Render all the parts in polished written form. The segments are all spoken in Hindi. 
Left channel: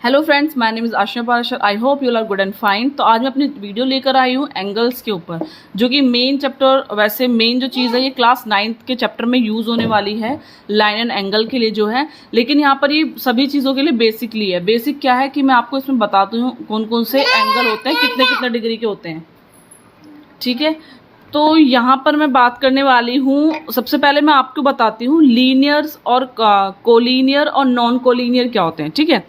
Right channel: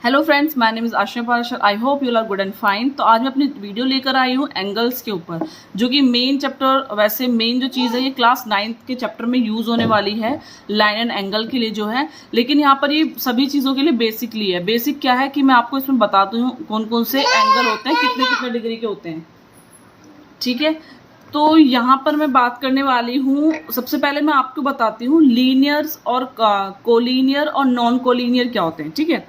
Hello friends, my name is Asha Parashar. I hope you are good and fine. तो आज मैं अपनी वीडियो लेकर आई हूँ एंगल्स के ऊपर, जो कि मेन चैप्टर, वैसे मेन जो चीज़ है ये क्लास 9th के चैप्टर में यूज़ होने वाली है, लाइन एंड एंगल के लिए जो है। लेकिन यहाँ पर ये सभी चीज़ों के लिए बेसिकली है। बेसिक क्या है कि मैं आपको इसमें बताती हूँ कौन कौन से एंगल होते हैं, कितने कितने डिग्री के होते हैं। ठीक है, तो यहाँ पर मैं बात करने वाली हूँ। सबसे पहले मैं आपको बताती हूँ लीनियर्स और कोलीनियर और नॉन कोलीनियर क्या होते हैं। ठीक है,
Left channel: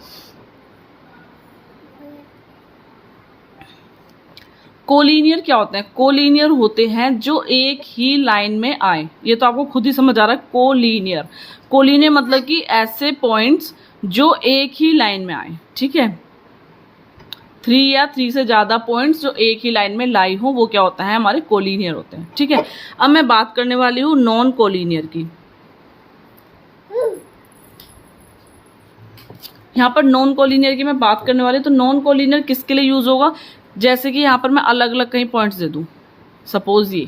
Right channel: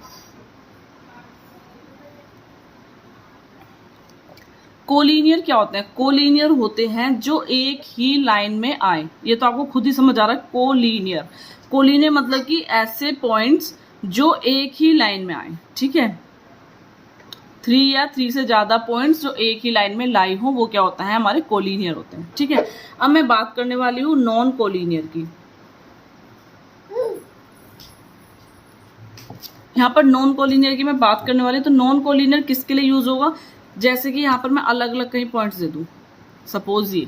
कोलिनियर क्या होते हैं? कोलिनियर होते हैं जो एक ही लाइन में आए। ये तो आपको खुद ही समझ आ रहा है। कोलिनियर, कोलिनियर मतलब कि ऐसे पॉइंट्स जो एक ही लाइन में आए। ठीक है, 3 या 3 से ज्यादा पॉइंट्स जो एक ही लाइन में लाई हो, वो क्या होता है? हमारे कोलिनियर होते हैं। ठीक है, अब मैं बात करने वाली हूँ नॉन कोलिनियर की। यहाँ पर नॉन कोलिनियर की मैं बात करने वाली हूँ। तो नॉन कोलिनियर किसके लिए यूज होगा? जैसे कि यहाँ पर मैं अलग अलग कहीं पॉइंट्स दे दूँ, सपोज ये।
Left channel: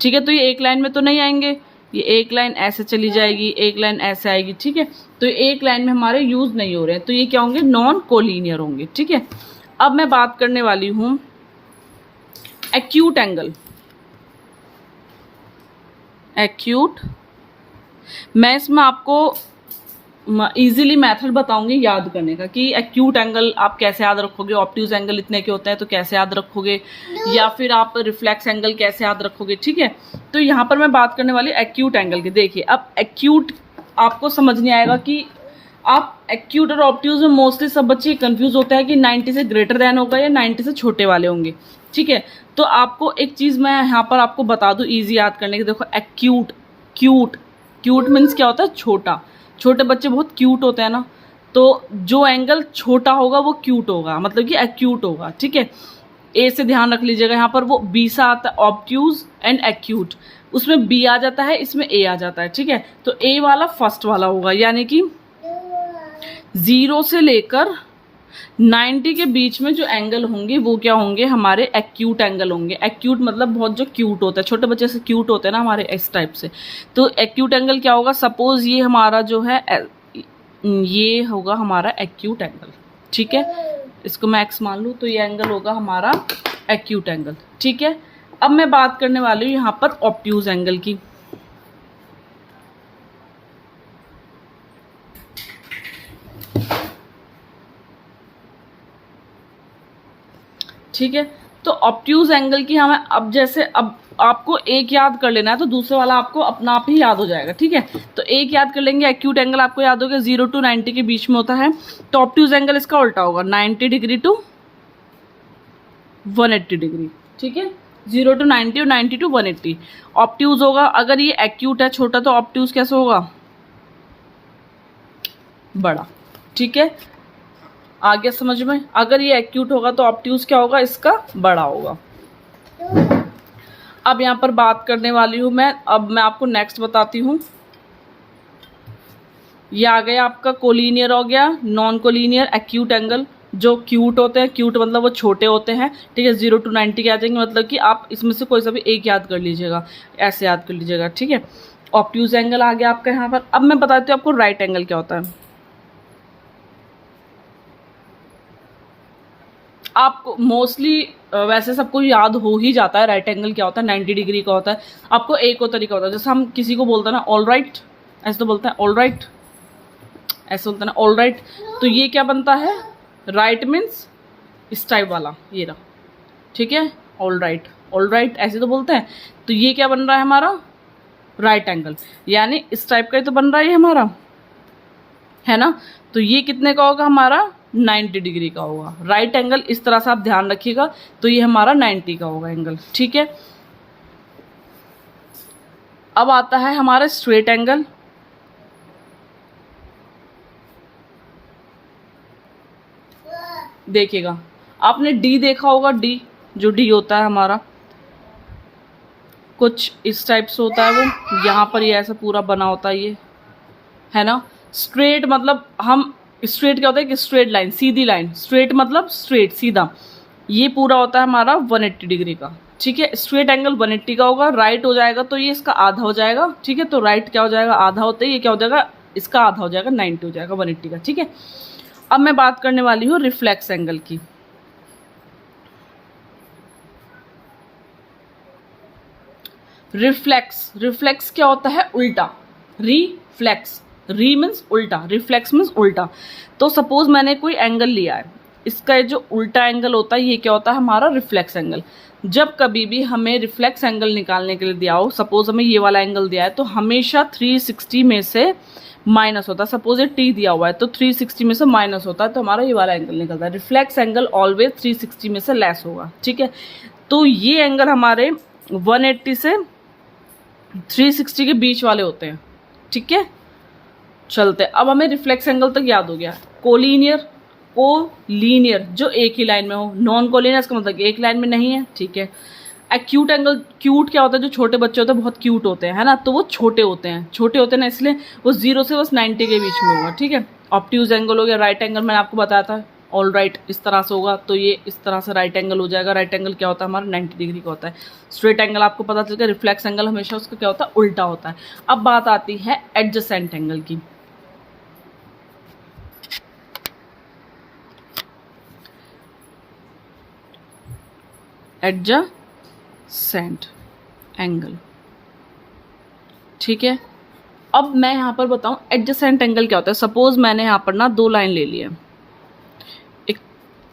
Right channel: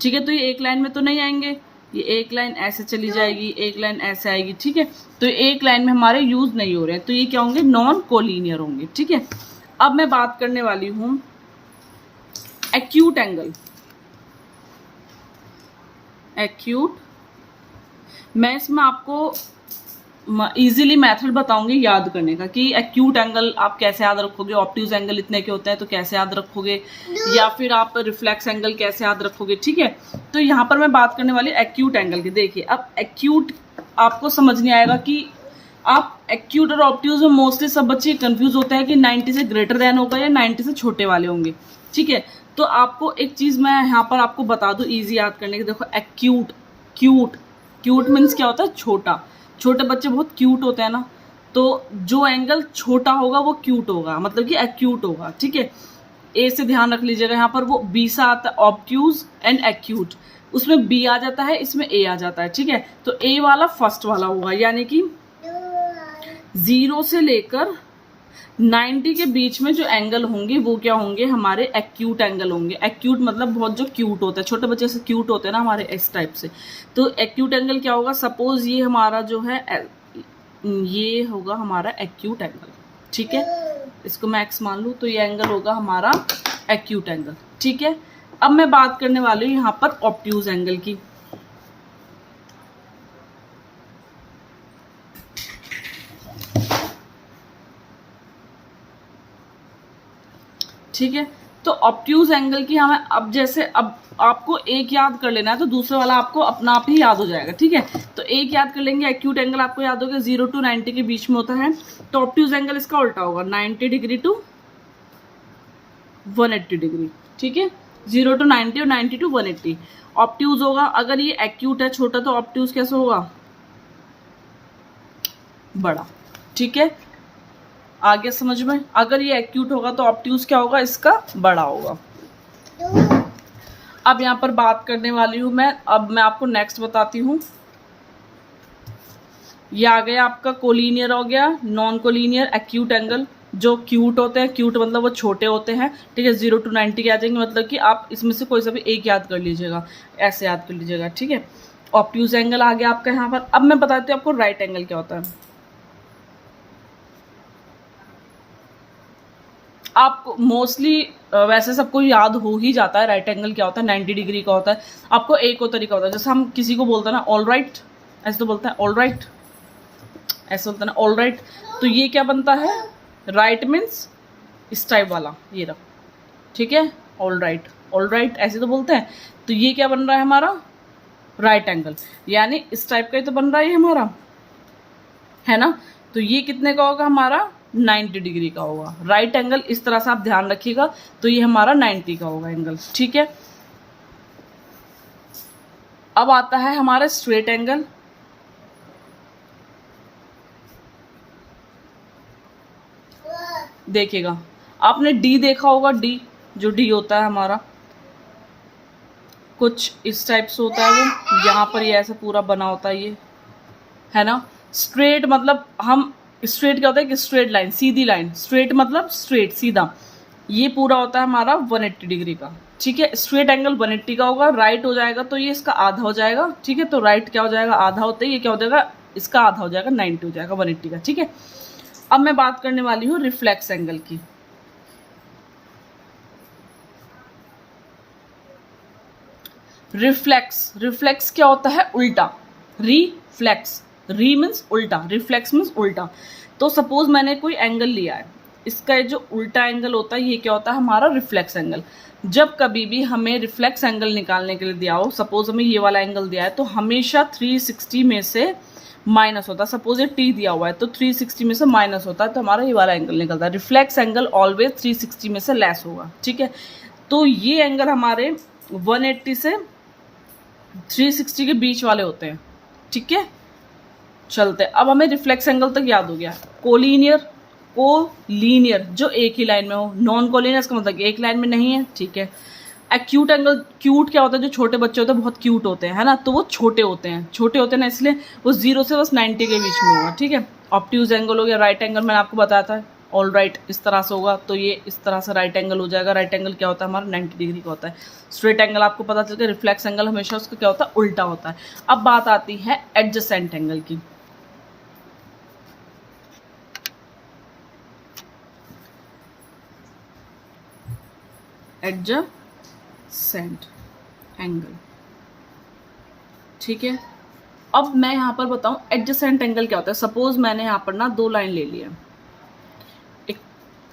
ठीक है, तो ये एक लाइन में तो नहीं आएंगे, ये एक लाइन ऐसे चली जाएगी, एक लाइन ऐसे आएगी। ठीक है, तो एक लाइन में हमारे यूज नहीं हो रहे हैं, तो ये क्या होंगे? नॉन कोलिनियर होंगे। ठीक है, अब मैं बात करने वाली हूँ एक्यूट एंगल। एक्यूट, मैं इसमें आपको इजीली मेथड बताऊंगी याद करने का कि एक्यूट एंगल आप कैसे याद रखोगे, ऑब्ट्यूज एंगल इतने के होते हैं तो कैसे याद रखोगे, या फिर आप रिफ्लेक्स एंगल कैसे याद रखोगे। ठीक है, तो यहाँ पर मैं बात करने वाली एक्यूट एंगल की। देखिए, अब एक्यूट आपको समझ नहीं आएगा कि आप एक्यूट और ऑब्ट्यूज में मोस्टली सब बच्चे कंफ्यूज होते हैं कि 90 से ग्रेटर देन होगा या 90 से छोटे वाले होंगे। ठीक है, तो आपको एक चीज मैं यहाँ पर आपको बता दूं इजी याद करने की। देखो, एक्यूट, क्यूट, क्यूट मीन्स क्या होता है? छोटा। छोटे बच्चे बहुत क्यूट होते हैं ना, तो जो एंगल छोटा होगा वो क्यूट होगा, मतलब कि एक्यूट होगा। ठीक है, ए से ध्यान रख लीजिएगा। यहाँ पर वो बी सा आता है, ऑब्ट्यूज एंड एक्यूट। उसमें बी आ जाता है, इसमें ए आ जाता है। ठीक है, तो ए वाला फर्स्ट वाला होगा, यानी कि 0 से लेकर 90 के बीच में जो एंगल होंगे वो क्या होंगे? हमारे एक्यूट एंगल होंगे। एक्यूट मतलब बहुत जो क्यूट होता है, छोटे बच्चे से क्यूट होते हैं ना हमारे, इस टाइप से। तो एक्यूट एंगल क्या होगा? सपोज ये हमारा जो है ये होगा हमारा एक्यूट एंगल। ठीक है, इसको मैं एक्स मान लूँ, तो ये एंगल होगा हमारा एक्यूट एंगल। ठीक है, अब मैं बात करने वाली हूँ यहाँ पर ऑब्ट्यूज एंगल की। ठीक है, तो ऑब्ट्यूज एंगल की हमें अब जैसे अब आपको एक याद कर लेना है, तो दूसरे वाला आपको अपना आप ही याद हो जाएगा। ठीक है, तो एक याद कर लेंगे। एक्यूट एंगल आपको याद होगा 0 to 90 के बीच में होता है, तो ऑब्ट्यूज एंगल इसका उल्टा होगा, 90 डिग्री टू 180 डिग्री। ठीक है, 0 to 90 और 90 to 180 ऑब्ट्यूज होगा। अगर ये एक्यूट है छोटा, तो ऑब्ट्यूज कैसे होगा? बड़ा। ठीक है, आगे समझ में? अगर ये एक्यूट होगा तो ऑब्ट्यूज क्या होगा? इसका बड़ा होगा। अब यहाँ पर बात करने वाली हूँ मैं, अब मैं आपको नेक्स्ट बताती हूँ। ये आ गया आपका कोलिनियर हो गया, नॉन कोलिनियर, एक्यूट एंगल। जो क्यूट होते हैं, क्यूट मतलब वो छोटे होते हैं। ठीक है, 0 to 90 के आ जाएंगे, मतलब कि आप इसमें से कोई सा भी एक याद कर लीजिएगा, ऐसे याद कर लीजिएगा। ठीक है, ऑब्ट्यूज एंगल आ गया आपका यहाँ पर। अब मैं बताती हूँ आपको राइट एंगल क्या होता है। आपको मोस्टली वैसे सबको याद हो ही जाता है राइट एंगल क्या होता है, 90 डिग्री का होता है। आपको एक और तरीका होता है, जैसे हम किसी को बोलते हैं ना ऑल राइट, ऐसे तो बोलते हैं ऑल राइट, ऐसे बोलते हैं ना ऑल राइट। तो ये क्या बनता है? राइट मीन्स इस टाइप वाला, ये रहा। ठीक है, ऑल राइट, ऑल राइट ऐसे तो बोलते हैं। तो ये क्या बन रहा है हमारा? राइट एंगल, यानी इस टाइप का ही तो बन रहा है ये हमारा, है ना। तो ये कितने का होगा हमारा? 90 डिग्री का होगा राइट एंगल। इस तरह से आप ध्यान रखिएगा, तो ये हमारा 90 का होगा एंगल। ठीक है, अब आता है हमारा स्ट्रेट एंगल। देखिएगा, आपने डी देखा होगा, डी जो डी होता है हमारा कुछ इस टाइप से होता है। वो यहाँ पर ये ऐसा पूरा बना होता है, ये है ना। स्ट्रेट मतलब हम, स्ट्रेट क्या होता है? कि स्ट्रेट लाइन, सीधी लाइन। स्ट्रेट मतलब स्ट्रेट, सीधा। ये पूरा होता है हमारा 180 डिग्री का। ठीक है, स्ट्रेट एंगल 180 का होगा। राइट हो जाएगा तो ये इसका आधा हो जाएगा। ठीक है, तो राइट क्या हो जाएगा? आधा होता है। ये क्या हो जाएगा? इसका आधा हो जाएगा, 90 हो जाएगा 180 का। ठीक है, अब मैं बात करने वाली हूँ रिफ्लेक्स एंगल की। रिफ्लेक्स क्या होता है? उल्टा। रिफ्लेक्स, री मीन्स उल्टा, रिफ्लेक्स मीन्स उल्टा। तो सपोज मैंने कोई एंगल लिया है, इसका ये जो उल्टा एंगल होता है ये क्या होता है? हमारा रिफ्लेक्स एंगल। जब कभी भी हमें रिफ्लेक्स एंगल निकालने के लिए दिया हो, सपोज हमें ये वाला एंगल दिया है, तो हमेशा 360 में से माइनस होता है। सपोज ये टी दिया हुआ है तो 360 में से माइनस होता है, तो हमारा ये वाला एंगल निकलता है। रिफ्लेक्स एंगल ऑलवेज 360 में से लेस होगा, ठीक है। तो ये एंगल हमारे 180 से 360 के बीच वाले होते हैं, ठीक है। चलते, अब हमें रिफ्लेक्स एंगल तक याद हो गया। कोलीनियर जो एक ही लाइन में हो, नॉन कोलीनियर इसका मतलब एक लाइन में नहीं है, ठीक है। एक्यूट एंगल, क्यूट क्या होता है? जो छोटे बच्चे होते हैं बहुत क्यूट होते हैं, है ना, तो वो छोटे होते हैं ना, इसलिए वो 0 से बस 90 के बीच में होगा, ठीक है। ऑब्ट्यूज एंगल हो गया। राइट एंगल मैंने आपको बताया था, ऑल राइट इस तरह से होगा, तो ये इस तरह से राइट एंगल हो जाएगा। राइट एंगल क्या होता है? हमारा 90 डिग्री का होता है। स्ट्रेट एंगल आपको पता चल गया। रिफ्लेक्स एंगल हमेशा उसका क्या होता है? उल्टा होता है। अब बात आती है एडजेसेंट एंगल की। एडजेसेंट एंगल, ठीक है। अब मैं यहाँ पर बताऊँ एडजेसेंट एंगल क्या होता है। सपोज मैंने यहाँ पर ना दो लाइन ले ली है, एक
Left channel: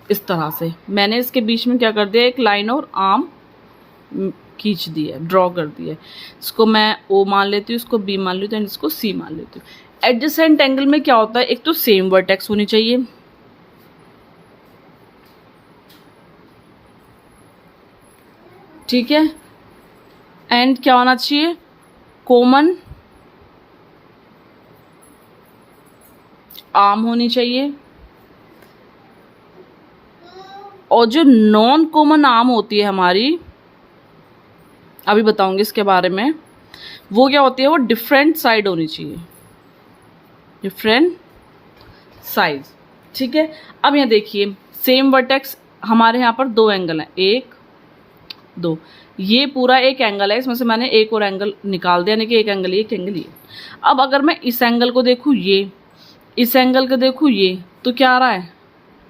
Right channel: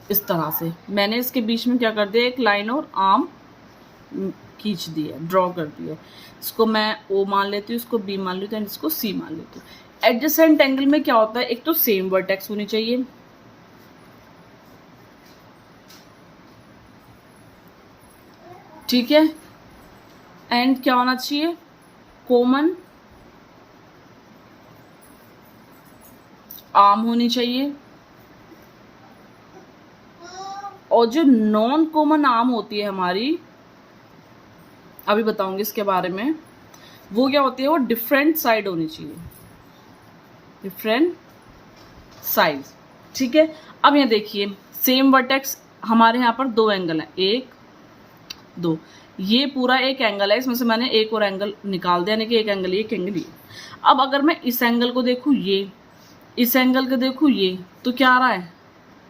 इस तरह से मैंने इसके बीच में क्या कर दिया? एक लाइन और आर्म खींच दी है, ड्रॉ कर दी है। इसको मैं ओ मान लेती हूँ, इसको बी मान लेती हूँ, इसको सी मान लेती हूँ। एडजेसेंट एंगल में क्या होता है? एक तो सेम वर्टेक्स होनी चाहिए, ठीक है। एंड क्या होना चाहिए? कॉमन आर्म होनी चाहिए। और जो नॉन कॉमन आर्म होती है हमारी, अभी बताऊंगी इसके बारे में, वो क्या होती है? वो डिफरेंट साइड होनी चाहिए, डिफरेंट साइज, ठीक है। अब यहाँ देखिए, सेम वर्टेक्स हमारे यहाँ पर दो एंगल हैं, 1 2, ये पूरा एक एंगल है, इसमें से मैंने एक और एंगल निकाल दिया, यानी कि एक एंगल ये, एक एंगल ये। अब अगर मैं इस एंगल को देखूँ, ये इस एंगल को देखूँ, ये, तो क्या आ रहा है?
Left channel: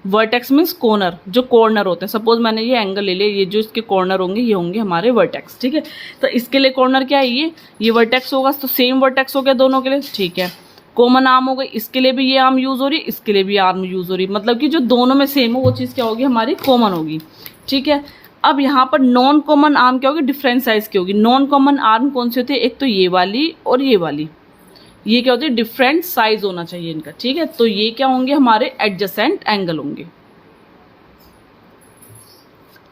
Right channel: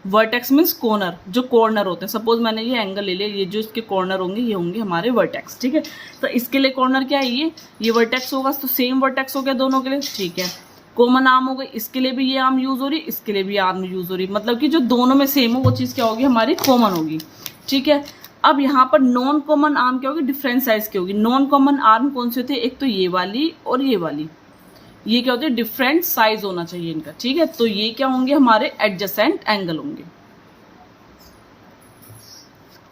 वर्टेक्स मीन्स कॉर्नर, जो कॉर्नर होते हैं। सपोज मैंने ये एंगल ले लिया, ये जो इसके कॉर्नर होंगे ये होंगे हमारे वर्टेक्स, ठीक है। तो इसके लिए कॉर्नर क्या है? ये वर्टेक्स होगा, तो सेम वर्टेक्स हो गया दोनों के लिए, ठीक है। कॉमन आर्म हो गई, इसके लिए भी ये आर्म यूज हो रही, इसके लिए भी आर्म यूज हो रही, मतलब कि जो दोनों में सेम हो वो चीज़ क्या होगी? हमारी कॉमन होगी, ठीक है। अब यहाँ पर नॉन कॉमन आर्म क्या होगी? डिफरेंट साइज की होगी। नॉन कॉमन आर्म कौन सी होती है? एक तो ये वाली और ये वाली, ये क्या होती है? डिफरेंट साइज होना चाहिए इनका, ठीक है। तो ये क्या होंगे? हमारे एडजेसेंट एंगल होंगे,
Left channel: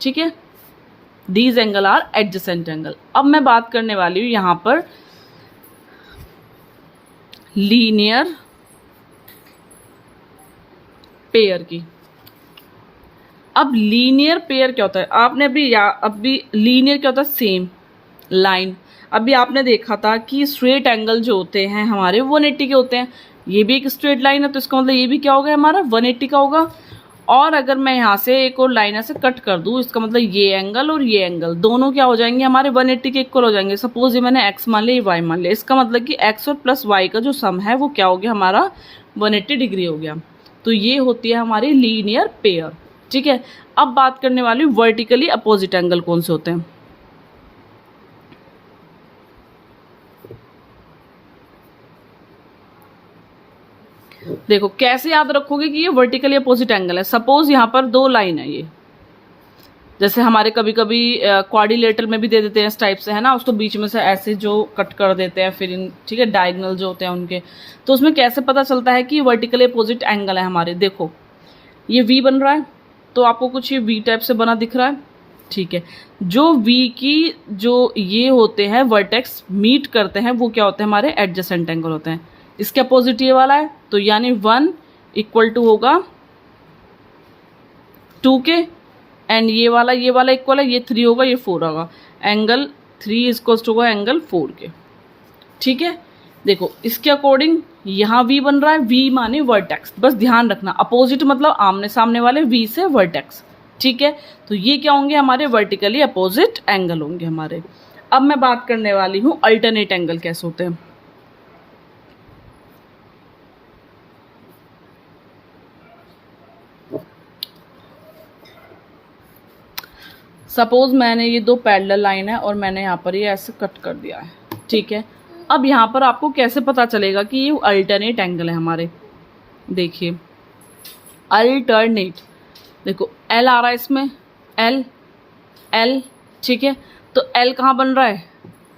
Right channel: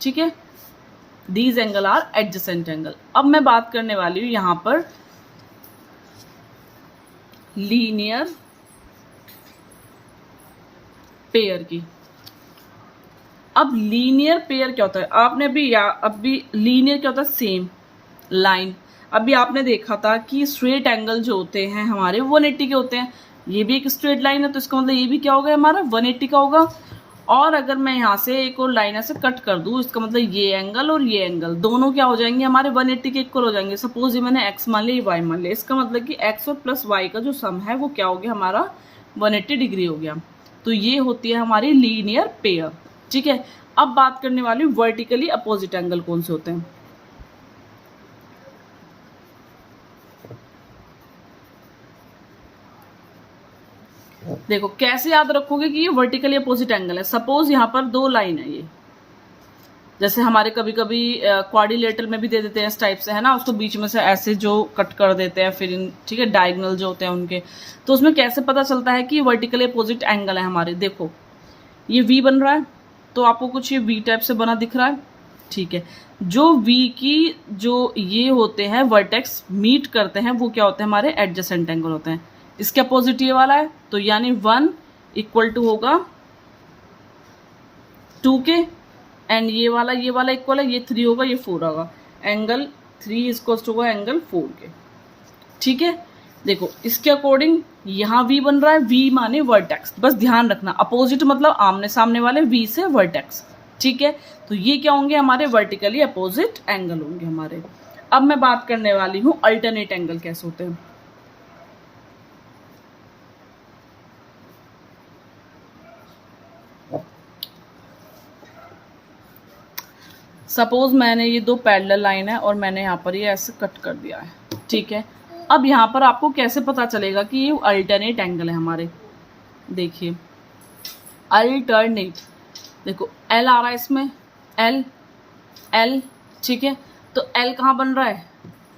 ठीक है। These angle are adjacent angle. अब मैं बात करने वाली हूं यहां पर लीनियर पेयर की। अब लीनियर पेयर क्या होता है? आपने अभी लीनियर क्या होता है? Same line. अभी आपने देखा था कि स्ट्रेट एंगल जो होते हैं हमारे 180 के होते हैं, ये भी एक स्ट्रेट लाइन है, तो इसका मतलब ये भी क्या होगा? हमारा 180 का होगा। और अगर मैं यहाँ से एक और लाइन ऐसे कट कर दूँ, इसका मतलब ये एंगल और ये एंगल दोनों क्या हो जाएंगे? हमारे 180 के इक्वल हो जाएंगे। सपोज ये मैंने x मान लिया, ये y मान लिया, इसका मतलब कि x और प्लस y का जो सम है वो क्या हो गया? हमारा 180 डिग्री हो गया। तो ये होती है हमारी लीनियर पेयर, ठीक है। अब बात करने वाली वर्टिकली अपोजिट एंगल कौन से होते हैं। देखो कैसे याद रखोगे कि ये वर्टिकली अपोजिट एंगल है। सपोज यहाँ पर दो लाइन है, ये जैसे हमारे कभी कभी क्वाड्रिलेटरल में भी दे देते हैं इस टाइप से, है ना, उसको बीच में से ऐसे जो कट कर देते हैं, फिर ठीक है, डायगोनल जो होते हैं उनके। तो उसमें कैसे पता चलता है कि ये वर्टिकली अपोजिट एंगल है हमारे? देखो ये वी बन रहा है, तो आपको कुछ ये वी टाइप से बना दिख रहा है, ठीक है। जो वी की जो ये होते हैं वर्टेक्स मीट करते हैं, वो क्या होते हैं? हमारे एडजेसेंट एंगल होते हैं। इसके अपोजिट ये वाला है, तो यानी 1 इक्वल टू होगा 2 के, एंड ये वाला इक्वल है, ये 3 होगा, ये 4 होगा। एंगल 3 इक्वल टू होगा एंगल 4 के, ठीक है। देखो इसके अकॉर्डिंग यहाँ वी बन रहा है, वी माने वर्टेक्स, बस ध्यान रखना अपोजिट मतलब आमने सामने वाले, वी से वर्टेक्स, ठीक है। तो ये क्या होंगे? हमारे वर्टिकली अपोजिट एंगल होंगे हमारे। अब मैं बात करने वाली हूँ अल्टरनेट एंगल कैसे होते हैं। सपोज मैंने ये दो पैरेलल लाइन है और मैंने यहाँ पर ये ऐसे कट कर दिया है, ठीक है। अब यहाँ पर आपको कैसे पता चलेगा कि ये अल्टरनेट एंगल है हमारे, देखिए अल्टरनेट, देखो एल आ रहा है इसमें, एल एल, ठीक है। तो एल कहाँ बन रहा है,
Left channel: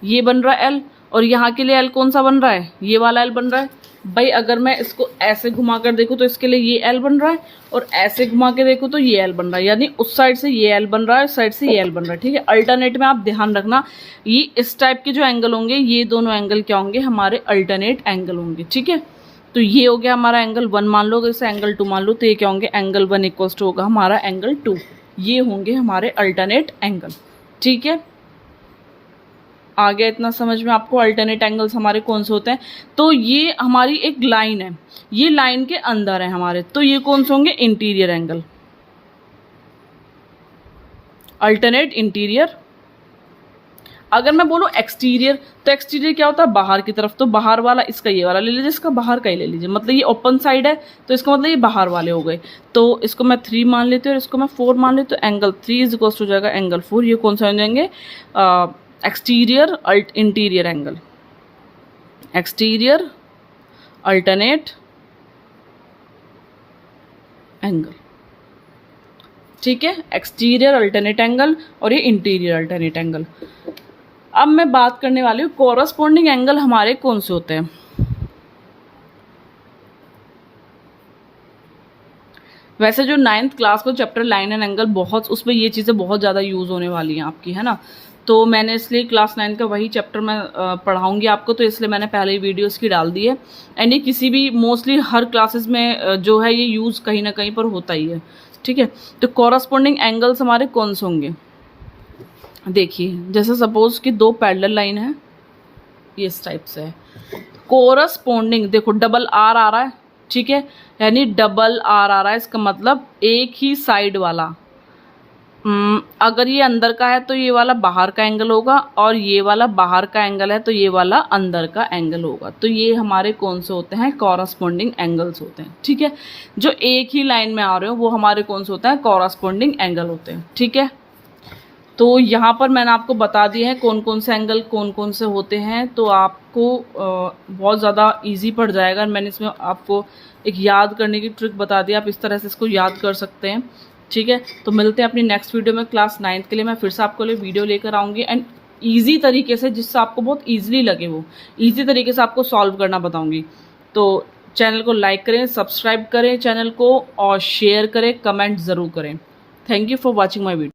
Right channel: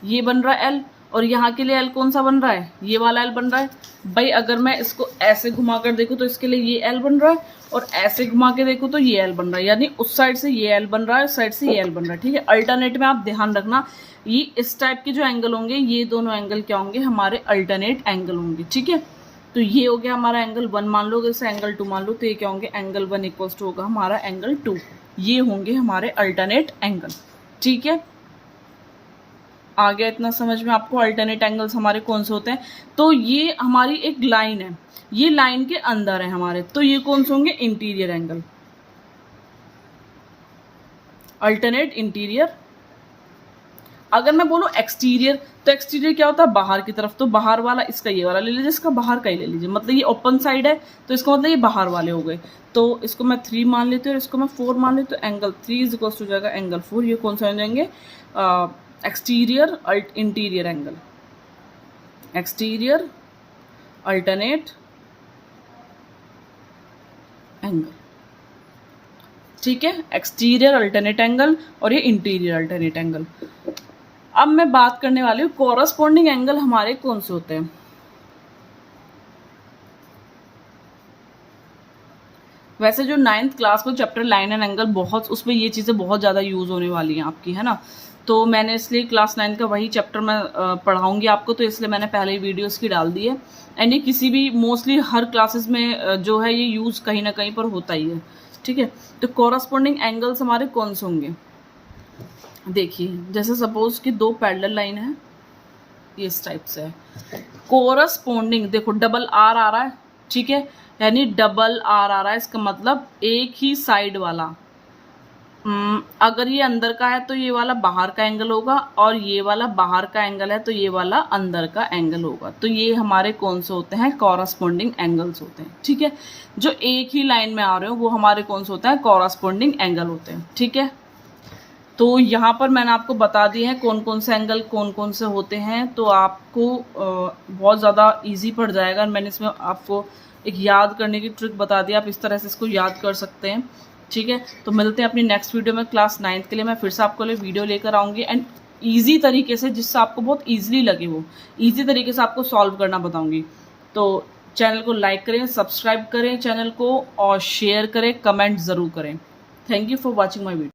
ये बन रहा है एल, और यहाँ के लिए एल कौन सा बन रहा है, ये वाला एल बन रहा है। भाई अगर मैं इसको ऐसे घुमा कर देखूँ तो इसके लिए ये एल बन रहा है, और ऐसे घुमा के देखूँ तो ये एल बन रहा है, यानी उस साइड से ये एल बन रहा है, उस साइड से ये एल बन रहा है, ठीक है। अल्टरनेट में आप ध्यान रखना, ये इस टाइप के जो एंगल होंगे, ये दोनों एंगल क्या होंगे, हमारे अल्टरनेट एंगल होंगे, ठीक है। तो ये हो गया हमारा एंगल 1 मान लो, अगर इसे एंगल 2 मान लो तो ये क्या होंगे, एंगल 1 इक्वल टू होगा हमारा एंगल 2, ये होंगे हमारे अल्टरनेट एंगल, ठीक है। आ गया इतना समझ में आपको, अल्टरनेट एंगल्स हमारे कौन से होते हैं। तो ये हमारी एक लाइन है, ये लाइन के अंदर है हमारे, तो ये कौन से होंगे, इंटीरियर एंगल, अल्टरनेट इंटीरियर। अगर मैं बोलूँ एक्सटीरियर, तो एक्सटीरियर क्या होता है, बाहर की तरफ, तो बाहर वाला इसका ये वाला ले लीजिए, इसका बाहर का ही ले लीजिए, मतलब ये ओपन साइड है तो इसका मतलब ये बाहर वाले हो गए। तो इसको मैं 3 मान लेती हूँ और इसको मैं 4 मान लेती हूँ, एंगल 3 इज इक्वल टू हो जाएगा एंगल 4। ये कौन सा हो जाएंगे, exterior interior angle, exterior alternate angle, ठीक है। एक्सटीरियर अल्टरनेट एंगल और ये इंटीरियर अल्टरनेट एंगल। अब मैं बात करने वाली हूँ कॉरस्पॉन्डिंग एंगल हमारे कौन से होते हैं। वैसे जो 9th क्लास को चैप्टर लाइन एंड एंगल, बहुत उसमें ये चीज़ें बहुत ज़्यादा यूज़ होने वाली हैं आपकी, है ना। तो मैंने इसलिए क्लास 9 का वही चैप्टर मैं पढ़ाऊँगी आपको, तो इसलिए मैंने पहले ही वीडियो इसकी डाल दी है। एंड ये किसी भी मोस्टली हर क्लासेस में जो है ये यूज़ कहीं ना कहीं पर होता ही है, ठीक है। तो कॉरस्पॉन्डिंग एंगल्स हमारे कौन से होंगे, देखिए जैसे सपोज कि दो पैरेलल लाइन है, ये इस टाइप से है, कोरस्पॉन्डिंग देखो डबल आर आ रहा है, ठीक है, यानी डबल आर आ रहा है, इसका मतलब एक ही साइड वाला। अगर ये अंदर का है तो ये वाला बाहर का एंगल होगा, और ये वाला बाहर का एंगल है तो ये वाला अंदर का एंगल होगा। तो ये हमारे कौन से होते हैं, कॉरस्पॉन्डिंग एंगल्स होते हैं, ठीक है। जो एक ही लाइन में आ रहे हो वो हमारे कौन से होते हैं, कॉरस्पॉन्डिंग एंगल होते हैं, ठीक है। तो यहाँ पर मैंने आपको बता दिया है कौन कौन से एंगल कौन कौन से होते हैं, तो आपको बहुत ज़्यादा इजी पड़ जाएगा। मैंने इसमें आपको एक याद करने की ट्रिक बता दी, आप इस तरह से इसको याद कर सकते हैं, ठीक है। तो मिलते हैं अपनी नेक्स्ट वीडियो में। क्लास 9th के लिए मैं फिर से आपको लिए वीडियो लेकर आऊँगी, एंड ईजी तरीके से, जिससे आपको बहुत ईजिली लगे, वो ईजी तरीके से आपको सॉल्व करना बताऊँगी। तो चैनल को लाइक करें, सब्सक्राइब करें चैनल को, और शेयर करें, कमेंट ज़रूर करें। Thank you for watching my video.